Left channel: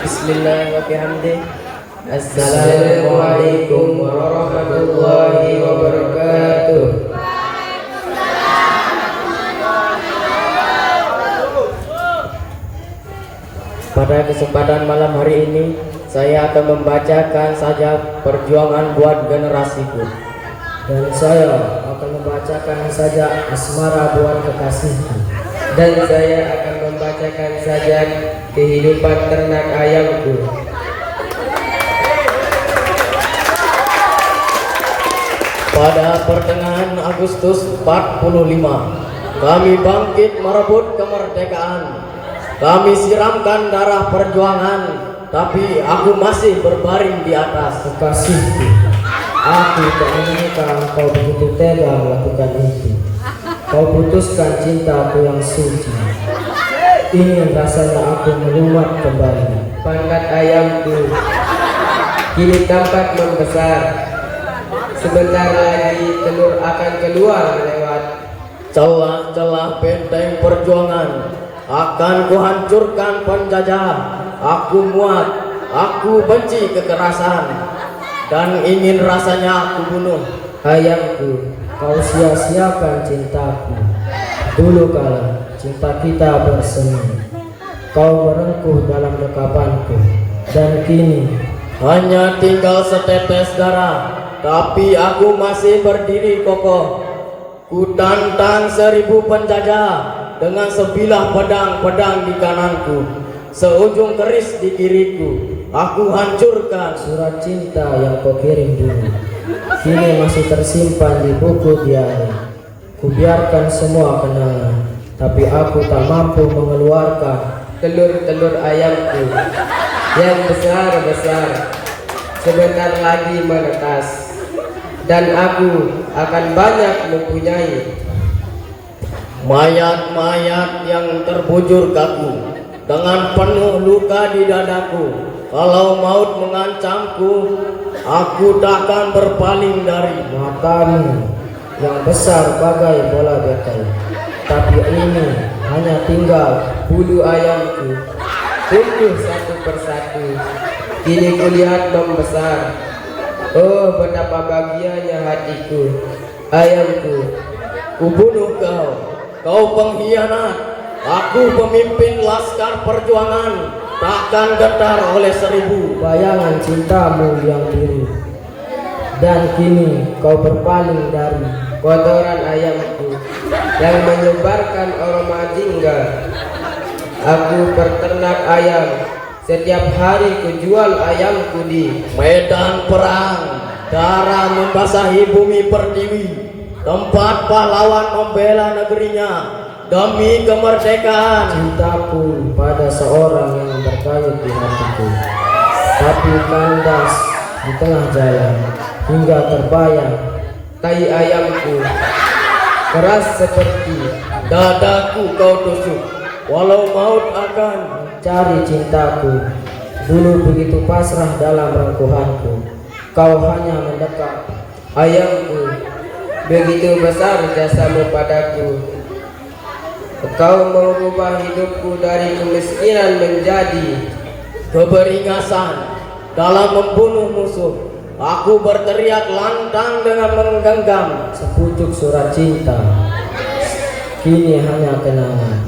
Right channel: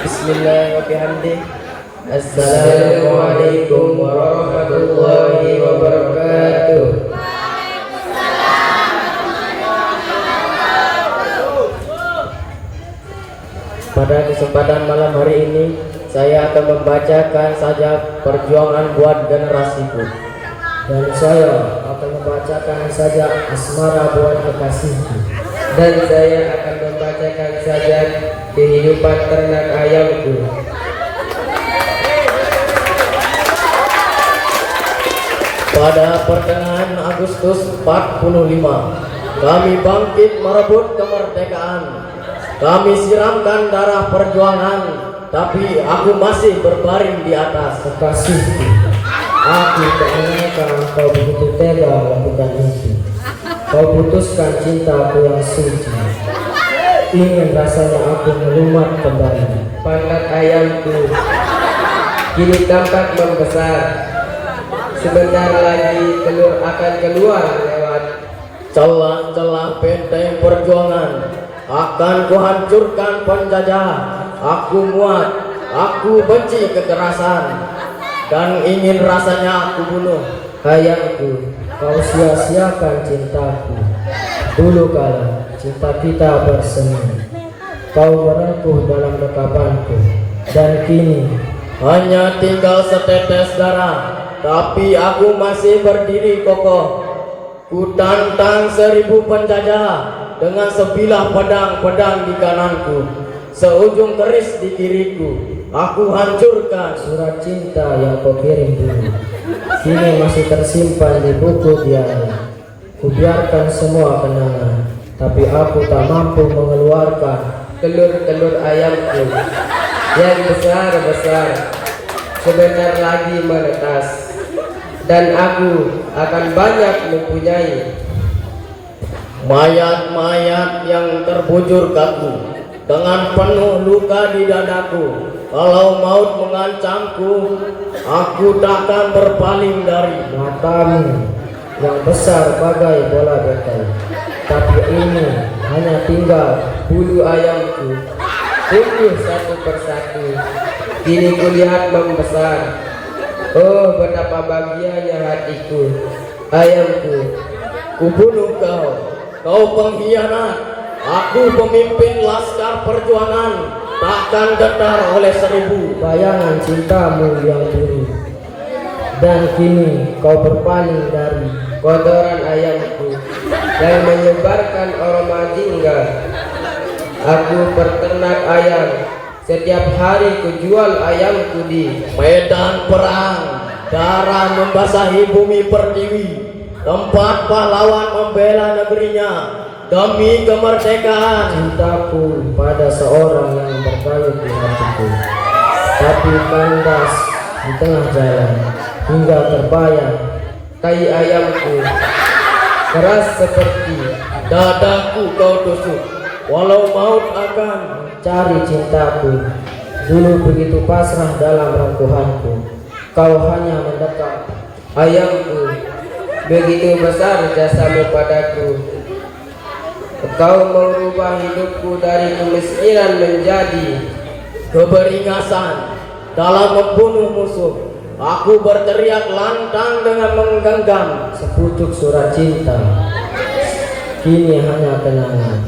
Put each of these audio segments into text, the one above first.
Bismillahirrahmanirrahim. Assalamualaikum warahmatullahi wabarakatuh. Pada kesempatan malam hari ini, saya akan membacakan saja perjuangan buat generasiku. Dan saya akan membacakan saja asmara buat kekasihku. Dan saya akan membacakan saja kehidupan ternak ayamku. Pada pertengahan Agustus 45, kami bangkit merebut kemerdekaan. Kami siramkan darah perjuangan, tapi aku masih berbaring di atas. Kekasihku, aku tak menyangka kau begitu tega melakukan itu. Kau putuskan cintaku yang suci. Ingin rasanya aku melumat kembali. Pangkat ayamku kini tampak membesar. Sebentar lagi telur akan keluar lewat celah-celah benteng perjuangan. Akan kuhancurkan penjajah. Aku muak, aku benci kekerasan, dan ingin rasanya aku bunuh. Ayamku, kau sia-siakan cintaku. Dulu kala cinta kita bersemi. Kau merengkuh dalam dekapanku. Dan kini hanya tinggal setetes darah, tapi aku masih berdiri kokoh. Ku tantang 1000 penjajah dengan sebilah pedang-pedang di kananku, seujung keris di kiriku. Aku hancurkan surat cinta yang kau kirim dulu. Kini masih tersimpan di buku diari. Kubiarkan semua kenangan, tapi aku tak mampu mengeluarkan telur-telur ayamku yang besar-besar. Sebentar lagi menetas, dan aku akan banyak mempunyai mayat-mayat yang terbujur kaku dengan penuh luka di dadaku. Kalau maut mengancamku, aku takkan berpaling dari matamu yang besar bagai bola bekel. Tapi ini hanya tinggal bulu ayamku, tumbuh satu persatu. Kini kulihat membesar. Oh, betapa bahagianya hatiku. Ayamku, kubunuh kau. Kau pengkhianat. Aku pemimpin laskar perjuangan, takkan gentar oleh 1000 bayangan cintamu yang biru. Dan kini kau berpaling dari kotoran ayamku yang menyebarkan aroma jingga. Aku peternak ayam. Setiap hari kujual ayamku di medan perang. Darah membasahi bumi pertiwi, tempat pahlawan membela negerinya demi kemerdekaan. Cintaku pada seorang yang berkayut di hatiku, tapi kandas di tengah jalan hingga terbayang. Tai ayamku keras seperti dadaku kau tusuk, walau maut akan cari cintaku. Dulu begitu pasrah dalam rengkuhanku, kau hanya mendekat. Ayamku, begitu besar jasamu padaku. Kau mengubah hidupku dari kemiskinan menjadi keberingasan. Dalam membunuh musuh, aku berteriak lantang dengan menggenggam sepucuk surat cinta. Kini hanya kenangan.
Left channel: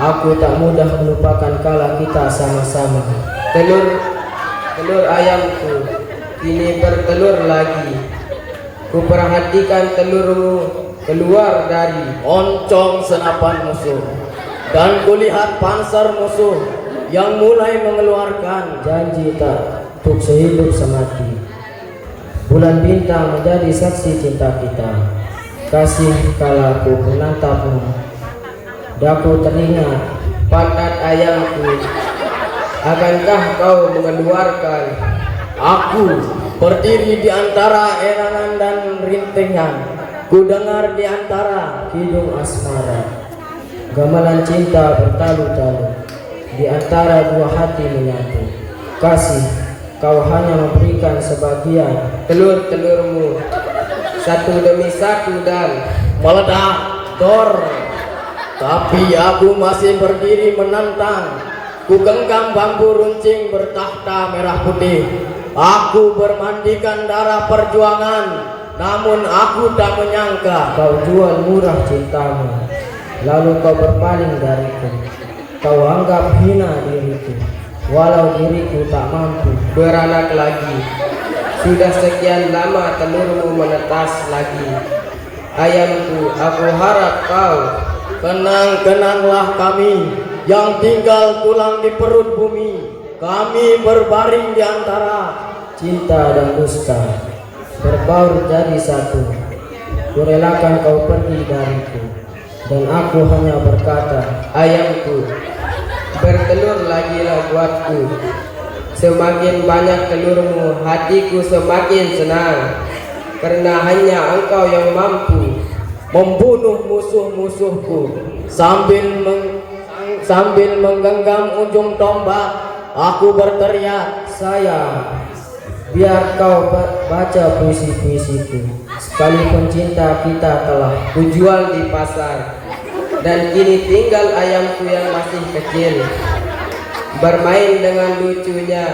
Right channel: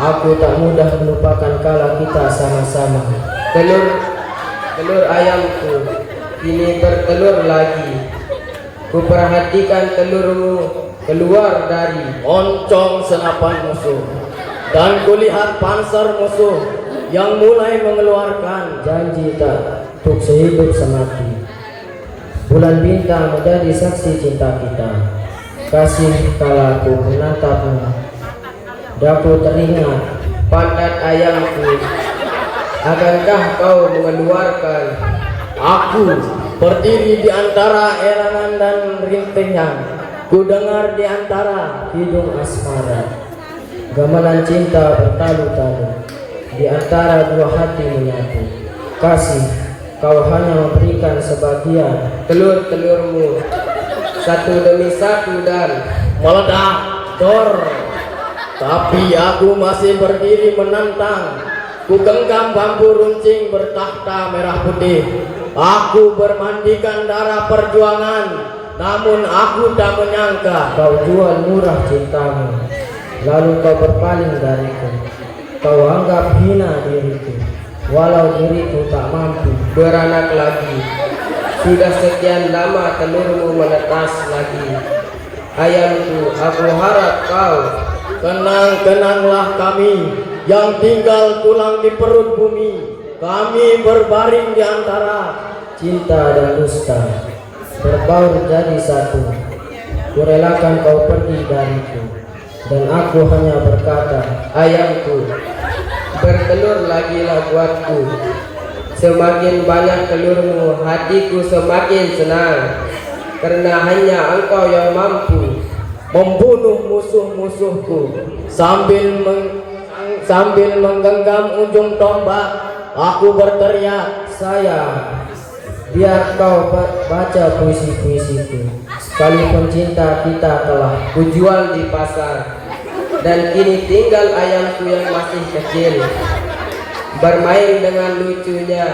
Aku tak mudah melupakan kala kita sama-sama. Telur ayamku kini bertelur lagi. Kuperhatikan telurmu keluar dari oncong senapan musuh, dan kulihat panser musuh yang mulai mengeluarkan janji tak untuk sehidup semati. Bulan bintang menjadi saksi cinta kita. Kasih kala aku menatapmu, daku teringat pangkat ayamku. Akankah kau mengeluarkan aku berdiri di antara erangan dan rintingan? Ku dengar di antara hidung asmara, gamelan cinta bertalu-talu di antara dua hati menyatu. Kasih, kau hanya memberikan sebagian telur-telurmu satu demi satu dan meledak dor. Tapi aku masih berdiri menantang. ku genggam bambu runcing bertakhta merah putih. Aku bermandikan darah perjuangan, namun aku tak menyangka Kau jual murah cintamu, lalu kau berpaling dariku. Kau anggap hina diriku, walau diriku tak mampu beranak lagi. Sudah sekian lama telurmu menetas lagi. Ayamku, aku harap kau kenang-kenanglah kami yang tinggal tulang di perut bumi. Kami berbaring di antara cinta dan dusta, berbaur jadi satu. Kurelakan kau pergi dariku, dan aku hanya berkata, ayamku, bertelur lagilah buatku. Semakin banyak telurmu, hatiku semakin senang, karena hanya engkau yang mampu membunuh musuh-musuhku. Sambil menggenggam ujung tombak, aku berteriak, sayang, biar kau baca puisi-puisiku. Sekalipun cinta kita telah kujual di pasar, dan kini tinggal ayamku yang masih kecil. Bermain dengan lucunya,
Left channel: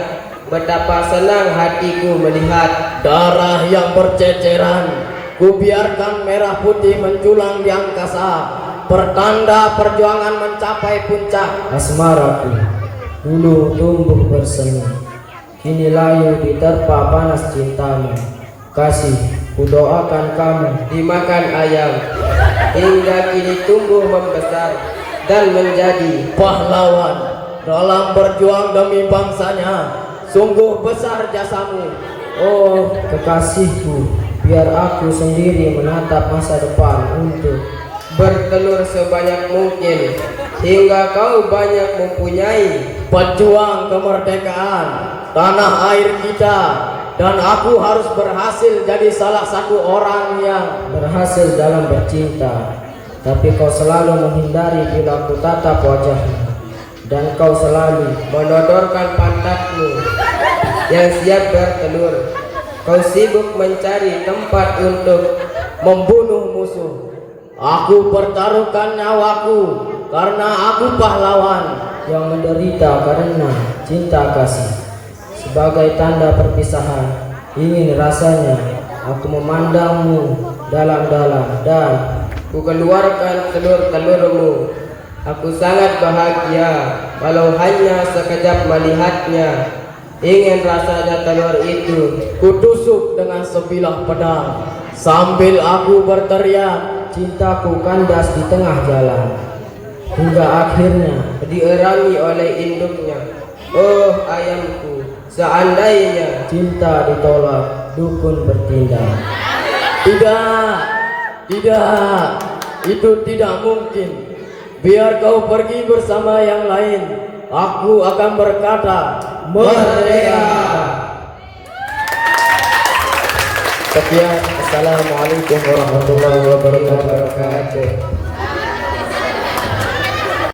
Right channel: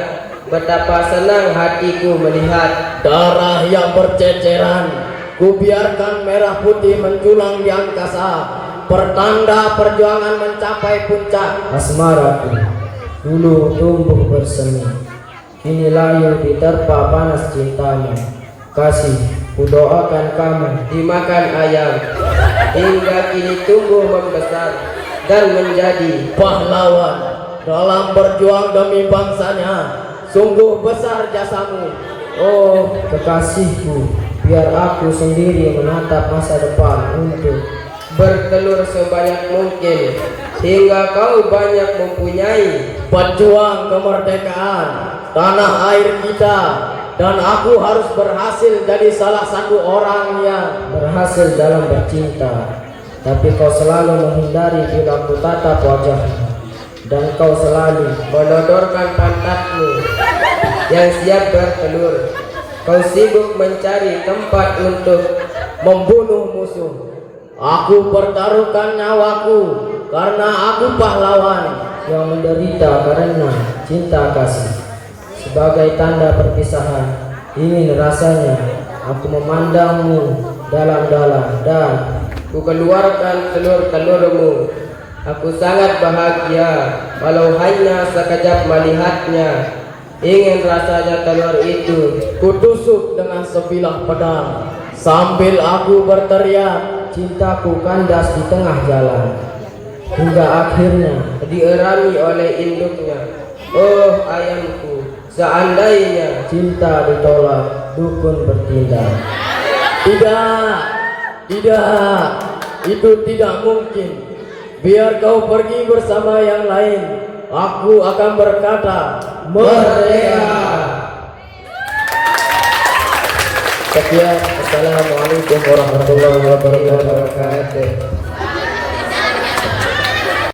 betapa senang hatiku melihat darah yang berceceran. Ku biarkan merah putih menjulang di angkasa, pertanda perjuangan mencapai puncak. asmaraku. Dulu tumbuh bersemi, kini layu diterpa panas cintamu. Kasih, kudoakan kamu dimakan ayam, hingga kini tumbuh membesar dan menjadi pahlawan dalam berjuang demi bangsanya. Sungguh besar jasamu. Oh kekasihku, biar aku sendiri menatap masa depan untuk bertelur sebanyak mungkin, hingga kau banyak mempunyai pejuang kemerdekaan tanah air kita. Dan aku harus berhasil jadi salah satu orang yang berhasil dalam bercinta. Tapi kau selalu menghindari bila ku tatap wajahmu, dan kau selalu menodorkan pantatmu yang siap bertelur. Kau sibuk mencari tempat untuk membunuh musuh. Aku pertaruhkan nyawaku karena aku pahlawan yang menderita karena cinta kasih. Sebagai tanda perpisahan, ingin rasanya aku memandangmu dalam-dalam dan ku keluarkan telur-telurmu. Aku sangat bahagia walau hanya sekejap melihatnya. Ingin rasanya telur itu kutusuk dengan sebilah pedang. Sambil aku berteriak, cintaku kandas di tengah jalan, hingga akhirnya dierami oleh induknya. Oh ayamku, seandainya cinta ditolak, dukun bertindak. Tidak, itu tidak mungkin. Biar kau pergi bersama yang lain, aku akan berkata, merdeka. Sekian, assalamualaikum warahmatullahi wabarakatuh.